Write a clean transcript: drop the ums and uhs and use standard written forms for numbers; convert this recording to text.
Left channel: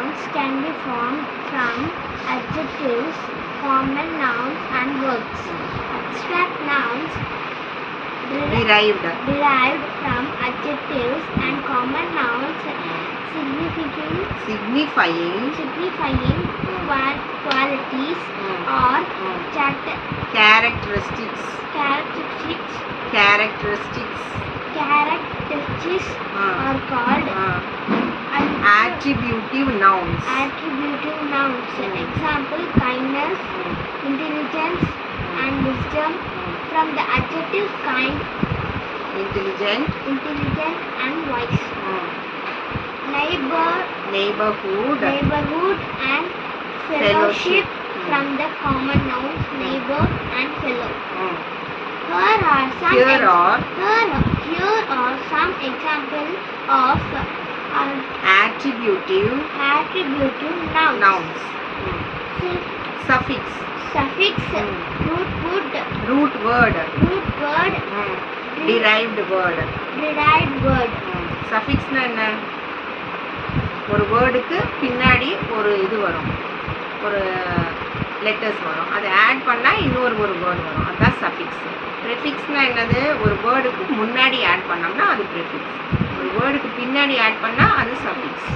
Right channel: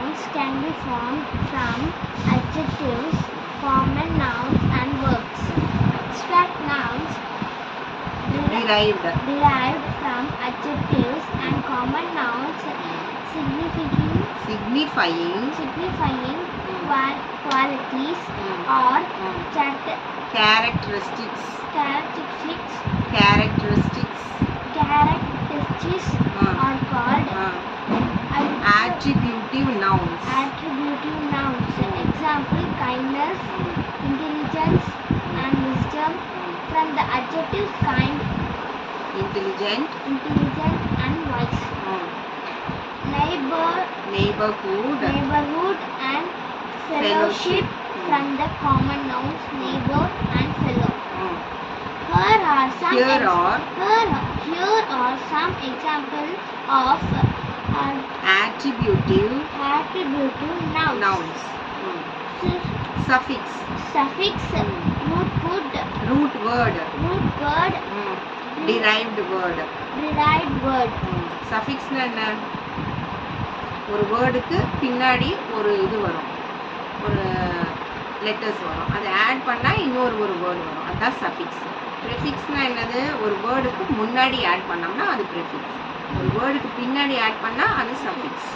nouns can be formed from adjectives, common nouns, and verbs. Abstract nouns derived from adjectives and common nouns signifying qualities or characteristics are called attributive nouns. Example: kindness, intelligence, and wisdom. From the adjectives kind, intelligent and wise. Neighborhood and fellowship. From the common nouns neighbor and fellow. Here are some examples of attributive nouns. Suffix root word derived word. சஃபிக்ஸ்னா என்ன? ஒரு வேர்டுக்கு பின்னாடி ஒரு இது வரும், ஒரு லெட்டர்ஸ் வரும், அதை ஆட் பண்ணால் இன்னொரு வேர்டு வரும், அதுதான் சஃபிக்ஸ். ப்ரிஃபிக்ஸ்னால் என்னது? ஒரு வேர்டுக்கு முன்னாடி ஆட் பண்ணோம்னா அது ப்ரிஃபிக்ஸ், ஒரு வேர்டுக்கு பின்னாடி ஆட் பண்ணால் அது சஃபிக்ஸ்.